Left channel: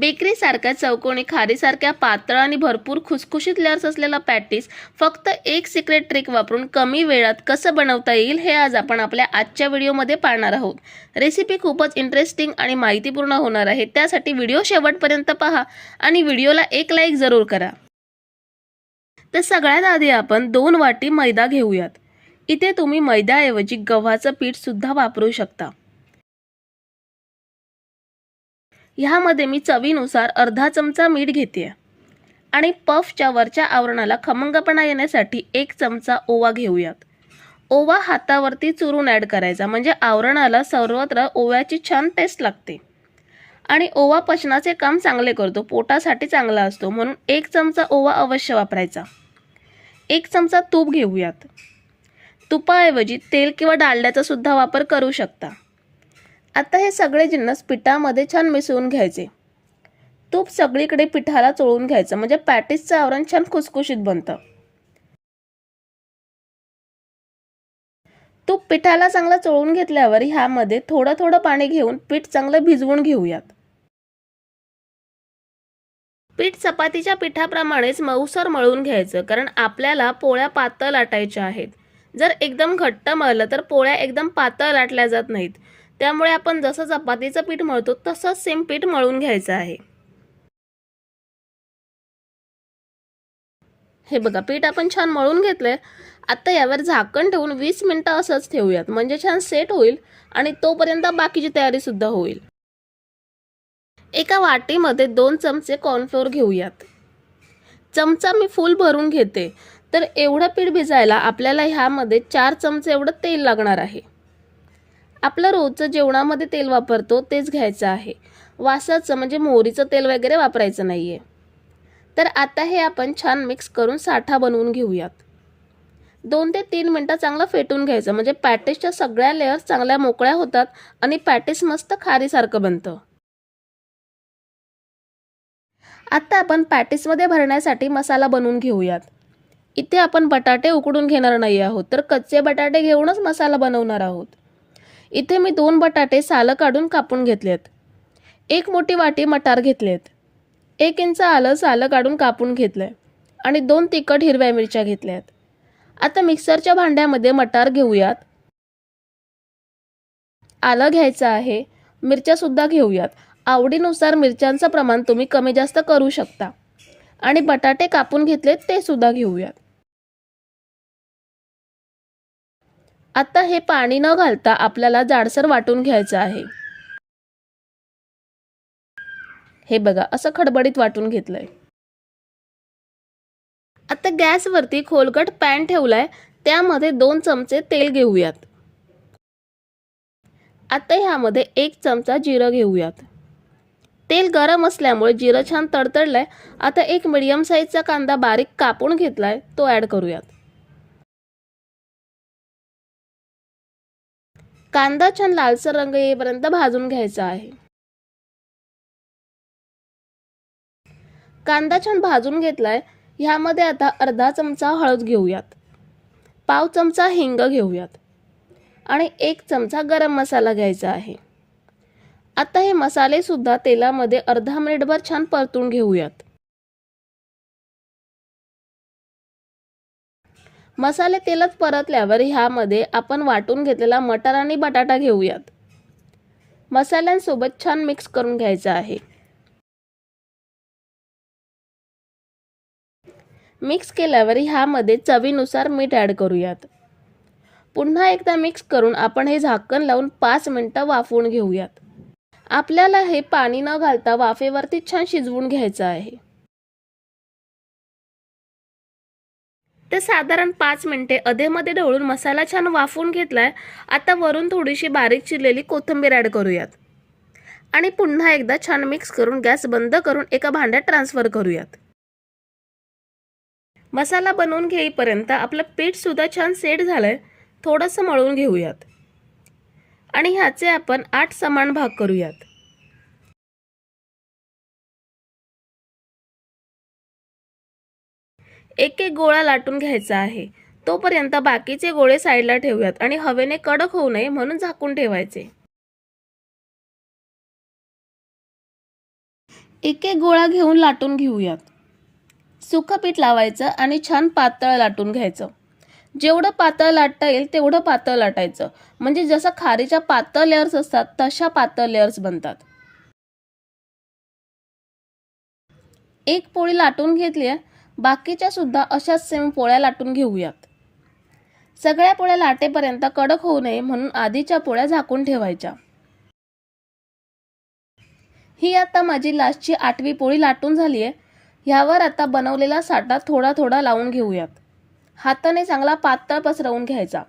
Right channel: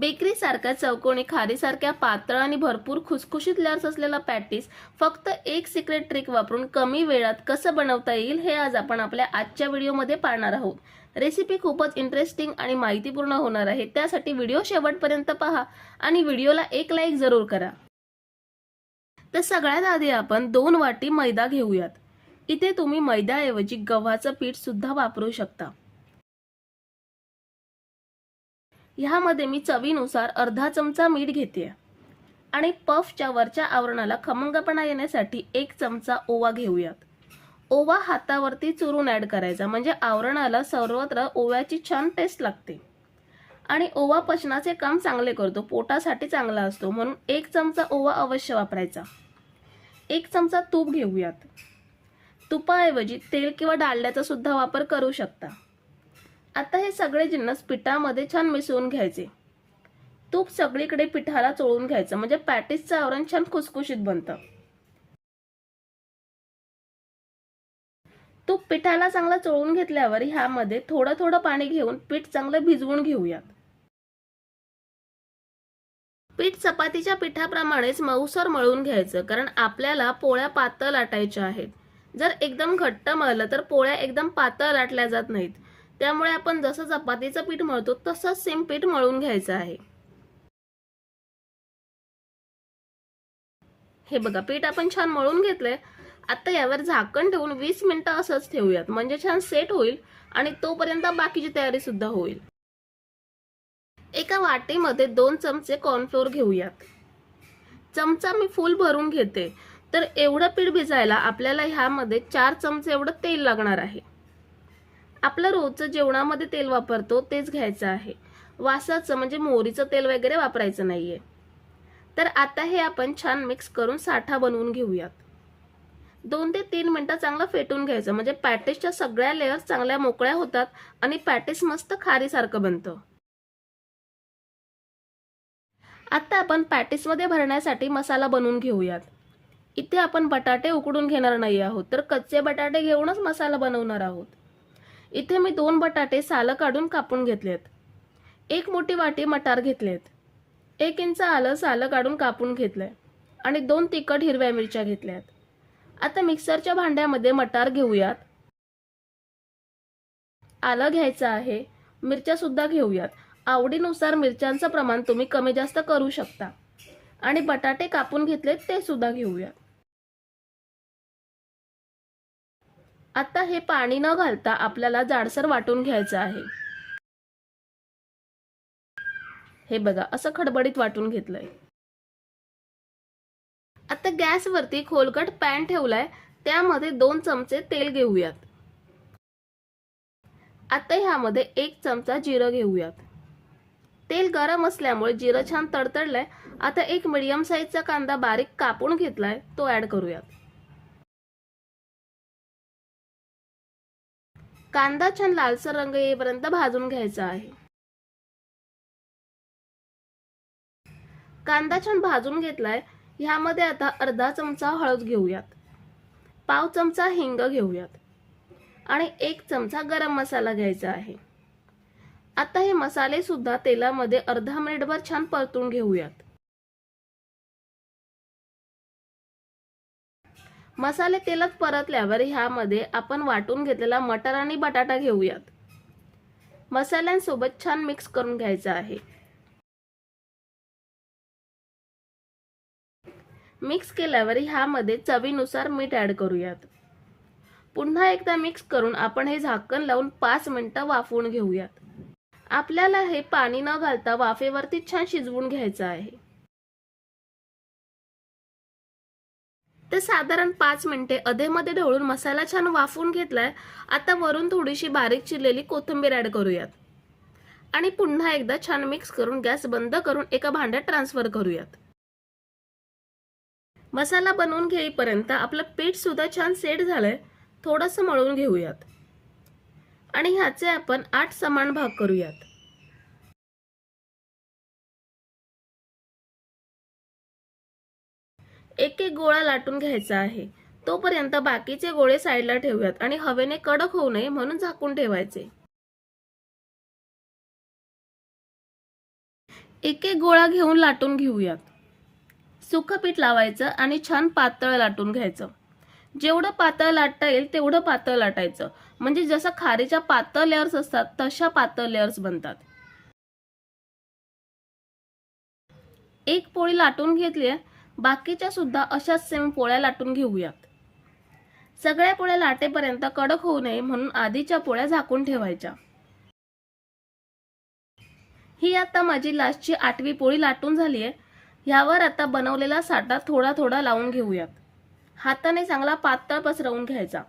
Bakery सारख्या चौकोनी खारीसारख्या पातळ आणि भरपूर खुसखुशीत लेयर्स असलेला पॅटीस फक्त एक सिक्रेट ट्रिक वापरून कमी वेळात कसं बनवता येईल हे आज आपण आपल्या आजच्या व्हिडिओमध्ये पाहणार आहोत। रेसिपी खूपच इंटरेस्टिंग आणि माहितीपूर्ण होणार आहे, त्यासाठी व्हिडिओ शेवटपर्यंत पहा आणि व्हिडिओला एक लाईक जरूर करा। तर सगळ्यात आधी आपण 2 वाटी मैदा घेऊयात। इथे तुम्ही मैद्याऐवजी गव्हाचं पीठ सुद्धा वापरू शकता। ह्यामध्ये मी चवीनुसार अर्धा चमचा मीठ घेते आणि पफच्या वरच्या आवरणाला खमंगपणा येण्यासाठी 1 चमचा ओवा घेऊयात। ओवा हातावरती चुरून ॲड करायचा, म्हणजे आवरणाला सर्वत्र ओव्याची छान टेस्ट लागते आणि ओवा पचनाचे काम चांगले करतो, पोटासाठी चांगला असतो, म्हणून 1 चमचा ओवा अवश्य वापरायचा। 1 चमचा तूप घेऊयात। तुपाऐवजी तेल किंवा डालड्याचा सुद्धा वापर करू शकता। आता हे सगळे जिन्नस पिठामध्ये छान मिसळून घ्यायचे। तूप सगळीकडे पिठाला चोळून घ्यायचं, म्हणजे पॅटीसचं आवरण छान खुसखुशीत बनतं। तूप पिठाला चांगलं चोळून घेतल्यावर ह्यामध्ये थोडं थोडं पाणी घेऊन पीठ चांगलं भिजवून घेऊयात। पीठ चपातीच्या पिठाप्रमाणेच मऊसर मळून घ्यायचं, कारण आपल्याला पोळ्या पातळ लाटायच्या आहेत। जर एकदम घट्ट मळलं तर पोळ्या एकदम पातळ लाटल्या जात नाहीत, त्यामुळे आपण जसं चपातीचं पीठ मळतो तसंच सेम पीठ मळून घ्यायचं आहे। हे बघा, पीठ आपण छान मळून घेतलंय। आता यावर झाकण ठेवून 20 मिनिटं असंच ठेवूयात, म्हणजे छान सेट होईल आणि तोपर्यंत बाकीची तयारी सुद्धा होईल। एका वाटीमध्ये 2 चमचे कॉर्नफ्लोअर घेऊयात। चमचा मी फुल भरून घेते, तर एवढं पीठ भिजायला आपल्याला ह्यामध्ये 4 चमचे एवढं तेल लागणार आहे। आपलं रोजचं जेवणामध्ये तेल वापरतो तेच घ्यायचं आहे, वासाचं म्हणजे मोहरीचं तेल वगैरे वापरायचं नाहीये। तर आता हे आपण छान मिक्स करून साठा बनवून घेऊयात। 2 ते 3 मिनिटं चांगलं फेटून घ्यायचं, म्हणजे पॅटीसच्या सगळ्या लेयर्स चांगल्या मोकळ्या होतात आणि पॅटीस मस्त खारीसारखं बनतं। आता आपण पॅटीसमध्ये भरण्यासाठी मसाला बनवून घेऊयात। इथे आपण बटाटे उकडून घेणार नाही आहोत, तर कच्चे बटाटे घेऊनच मसाला बनवणार आहोत। इथे मी 2 बटाटे सालं काढून कापून घेतलेत। 1 मोठी वाटी मटार घेतलेत। 1 इंच आलं सालं काढून कापून घेतलंय आणि 2 तिखट हिरव्या मिरच्या घेतल्यात। आता मिक्सरच्या भांड्यामध्ये मटार घेऊयात, आलं घ्यायचं आहे, मिरच्या सुद्धा घेऊयात। आवडीनुसार मिरच्यांचं प्रमाण तुम्ही कमी जास्त करू शकता आणि बटाटे कापून घेतलेत ते सुद्धा घेऊयात। आता हे पाणी न घालता आपल्याला जाडसर वाटून घ्यायचं आहे। हे बघा, असं खडबडीत वाटून घेतलंय। आता गॅसवरती खोलगट पॅन ठेवलाय, त्यामध्ये 2 चमचे तेल घेऊयात। आता ह्यामध्ये 1 चमचा जिरं घेऊयात। तेल गरम असल्यामुळे जिरं छान तडतडलंय। आता 1 मीडियम साईजचा कांदा बारीक कापून घेतलाय, तो ऍड करूयात। कांदा छान लालसर रंग येईपर्यंत भाजून घ्यायचा आहे। कांदा छान भाजून घेतलाय, ह्यामध्ये आता अर्धा चमचा हळद घेऊयात, पाव चमचा हिंग घेऊयात आणि 1 चमचा गरम मसाला घ्यायचा आहे। आता हे मसाले सुद्धा तेलामध्ये अर्धा मिनिटभर छान परतून घेऊयात। मसाले तेलात परतल्यावर ह्यामध्ये आपण वाटून घेतलेला मटार आणि बटाटा घेऊयात। मसाल्यांसोबत छान मिक्स करून घ्यायचं आहे। मिक्स केल्यावर ह्यामध्ये चवीनुसार मीठ ॲड करूयात। पुन्हा एकदा मिक्स करून आपण हे झाकण लावून 5 मिनिटं वाफवून घेऊयात। आपल्याला हे पाणी न घालता वाफेवरती छान शिजवून घ्यायचं आहे। तर साधारण 5 मिनिटे अधेमध्ये ढवळून मसाला छान वाफवून घेतलाय। आता वरून थोडीशी बारीक चिरलेली कोथिंबीर ॲड करूयात आणि पुन्हा एकदा छान मिक्स करून गॅस बंद करून एका भांड्यात ट्रान्सफर करूयात। मसाला बनवून घेईपर्यंत आपलं पीठ सुद्धा छान सेट झालंय, थोडंसं मळून घेऊयात आणि ह्याचे आपण 8 समान भाग करूयात। एक एक गोळा लाटून घ्यायचा आहे, तोपर्यंत बाकीचे गोळे साईडला ठेवूयात आणि हवेने कडक होऊ नये म्हणून झाकून ठेवायचे। एक एक गोळा घेऊन लाटून घेऊयात. सुकं पीठ लावायचं आणि छान पातळ लाटून घ्यायचं. जेवढं पातळ लाटता येईल तेवढं पातळ लाटायचं, म्हणजे जसं खारीच्या पातळ लेयर्स असतात तशा पातळ लेयर्स बनतात. एक पोळी लाटून घेतली आहे, बाकीच्या सुद्धा अशाच सेम पोळ्या लाटून घेऊयात. सगळ्या पोळ्या लाटेपर्यंत कडक होऊ नये म्हणून आधीच्या पोळ्या झाकून ठेवायच्या. ही आता माझी लास्टची 8वी पोळी लाटून झाली आहे. ह्यावर आता बनवलेला साठा थोडा थोडा लावून घेऊयात. हाताने चांगला पातळ पसरवून घ्यायचा.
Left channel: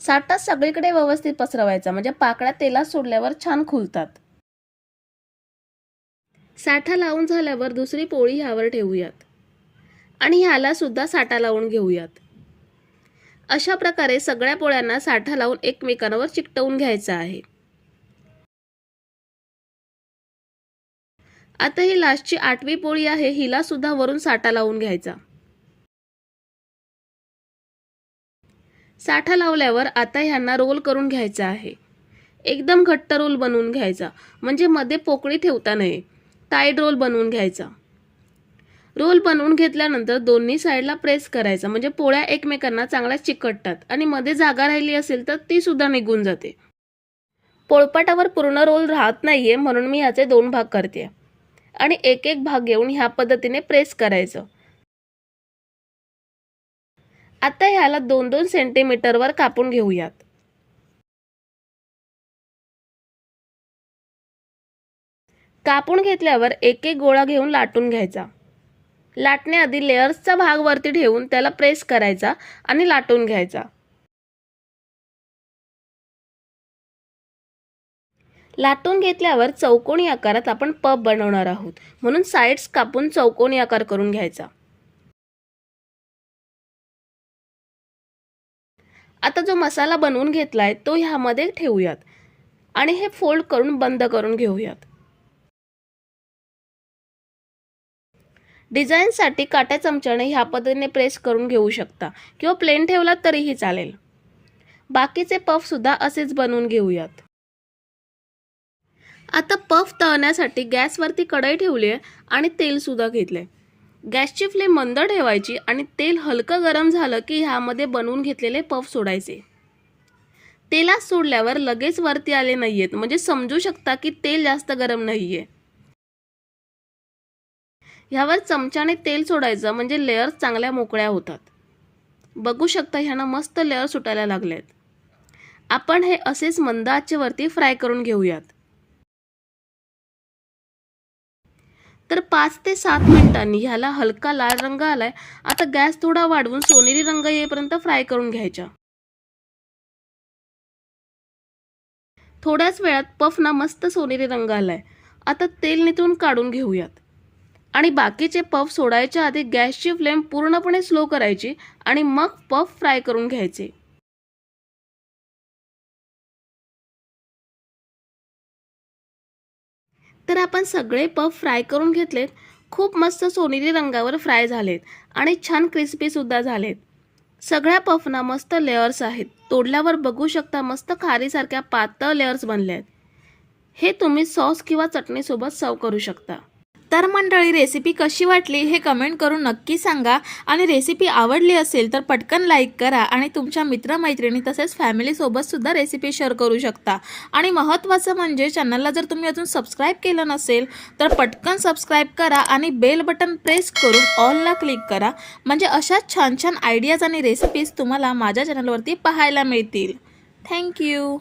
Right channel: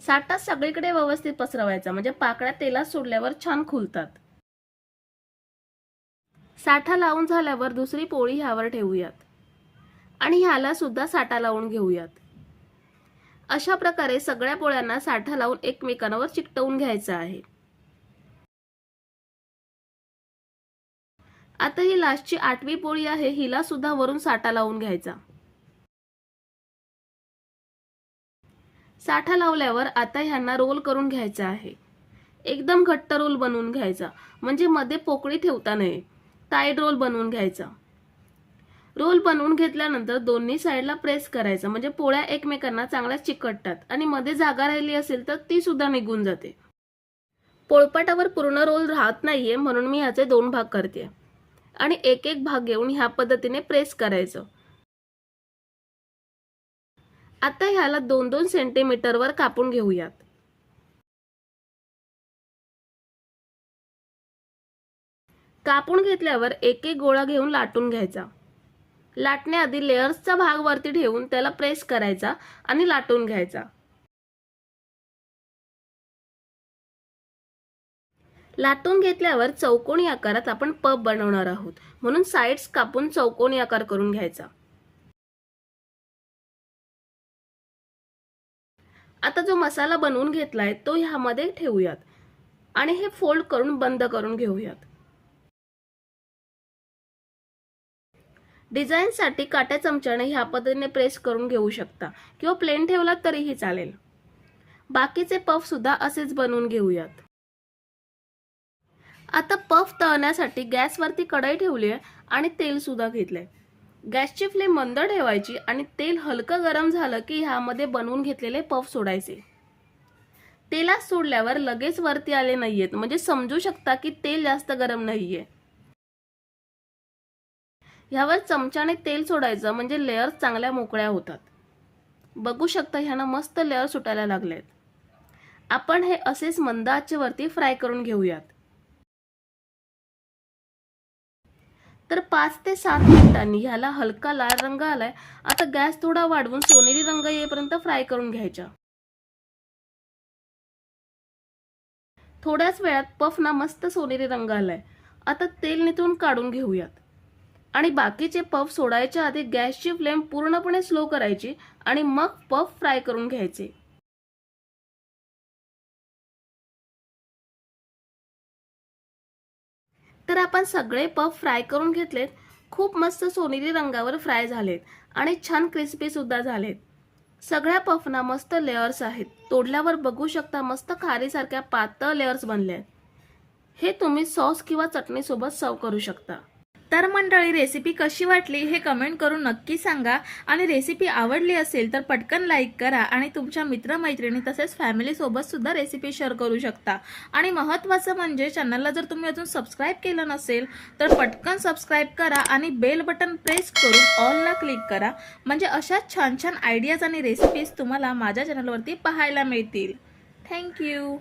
साठा सगळीकडे व्यवस्थित पसरवायचा, म्हणजे पाकळ्या तेलात सोडल्यावर छान खुलतात. साठा लावून झाल्यावर दुसरी पोळी ह्यावर ठेवूयात आणि ह्याला सुद्धा साठा लावून घेऊयात. अशा प्रकारे सगळ्या पोळ्यांना साठा लावून एकमेकांवर चिकटवून घ्यायचा आहे. आता ही लास्टची 8वी पोळी आहे, हिला सुद्धा वरून साठा लावून घ्यायचा. साठा लावल्यावर आता ह्यांना रोल करून घ्यायचा आहे. एकदम घट्ट रोल बनवून घ्यायचा, म्हणजे मध्ये पोकळी ठेवता नये. टाईट रोल बनवून घ्यायचा. रोल बनवून घेतल्यानंतर दोन्ही साईडला प्रेस करायचा, म्हणजे पोळ्या एकमेकांना चांगल्या चिकटतात आणि मध्ये जागा राहिली असेल तर ती सुद्धा निघून जाते. पोळपाटावर पूर्ण रोल राहत नाहीये म्हणून मी ह्याचे 2 भाग करते आणि एक एक भाग घेऊन ह्या पद्धतीने प्रेस करायचं. आता ह्याला 2-2 सेंटीमीटरवर कापून घेऊयात. कापून घेतल्यावर एक एक गोळा घेऊन लाटून घ्यायचा. लाटण्याआधी लेयर्सचा भाग वरती ठेवून त्याला प्रेस करायचा आणि लाटून घ्यायचा. लाटून घेतल्यावर चौकोनी आकारात आपण पफ बनवणार आहोत, म्हणून साइड्स कापून चौकोनी आकार करून घ्यायचा. आता जो मसाला बनवून घेतलाय तो ह्यामध्ये ठेवूयात आणि हे फोल्ड करून बंद करून घेऊयात. डिझाईनसाठी काट्या चमच्याने ह्या पद्धतीने प्रेस करून घेऊ शकता किंवा प्लेन ठेवलात तरीही चालेल. बाकीचे पफ सुद्धा असेच बनवून घेऊयात. आता पफ तळण्यासाठी गॅसवरती कढई ठेवली आहे आणि तेल सुद्धा घेतलंय. गॅसची फ्लेम मंद ठेवायची आणि तेल हलकं गरम झालं की ह्यामध्ये बनवून घेतलेले पफ सोडायचे. तेलात सोडल्यावर लगेच वरती आले नाहीयेत, म्हणजे समजू शकता की तेल जास्त गरम नाहीये. ह्यावर चमच्याने तेल सोडायचं, म्हणजे लेयर्स चांगल्या मोकळ्या होतात. बघू शकता ह्याना मस्त लेयर सुटायला लागलेत. आपण हे असेच मंद आचेवरती फ्राय करून घेऊयात. तर 5 ते 7 मिनिटांनी ह्याला हलका लाल रंग आलाय. आता गॅस थोडा वाढवून सोनेरी रंग येईपर्यंत फ्राय करून घ्यायचा. थोड्याच वेळात पफना मस्त सोनेरी रंग आलाय. आता तेल निथळून काढून घेऊयात आणि बाकीचे पफ सोडायच्या आधी गॅसची फ्लेम पूर्णपणे स्लो करायची आणि मग पफ फ्राय करून घ्यायचे. तर आपण सगळे पफ फ्राय करून घेतलेत. खूप मस्त सोनेरी रंगावर फ्राय झालेत आणि छान क्रिस्पी सुद्धा झालेत. सगळ्या पफना मस्त लेयर्स आहेत. तोडल्यावर बघू शकता मस्त खारीसारख्या पातळ लेयर्स बनले आहेत. हे तुम्ही सॉस किंवा चटणीसोबत सर्व करू शकता. तर मंडळी, रेसिपी कशी वाटली हे कमेंट करून नक्की सांगा आणि रेसिपी आवडली असेल तर पटकन लाईक करा आणि तुमच्या मित्रमैत्रिणी तसेच फॅमिलीसोबत सुद्धा रेसिपी शेअर करू शकता. आणि महत्त्वाचं म्हणजे चॅनलला जर तुम्ही अजून सबस्क्राईब केलं नसेल तर पटकन सबस्क्राईब करा आणि बेल बटन प्रेस करून ऑलला क्लिक करा, म्हणजे अशाच छान छान आयडियाज आणि रेसिपीज तुम्हाला माझ्या चॅनलवरती पाहायला मिळतील. थँक्यू.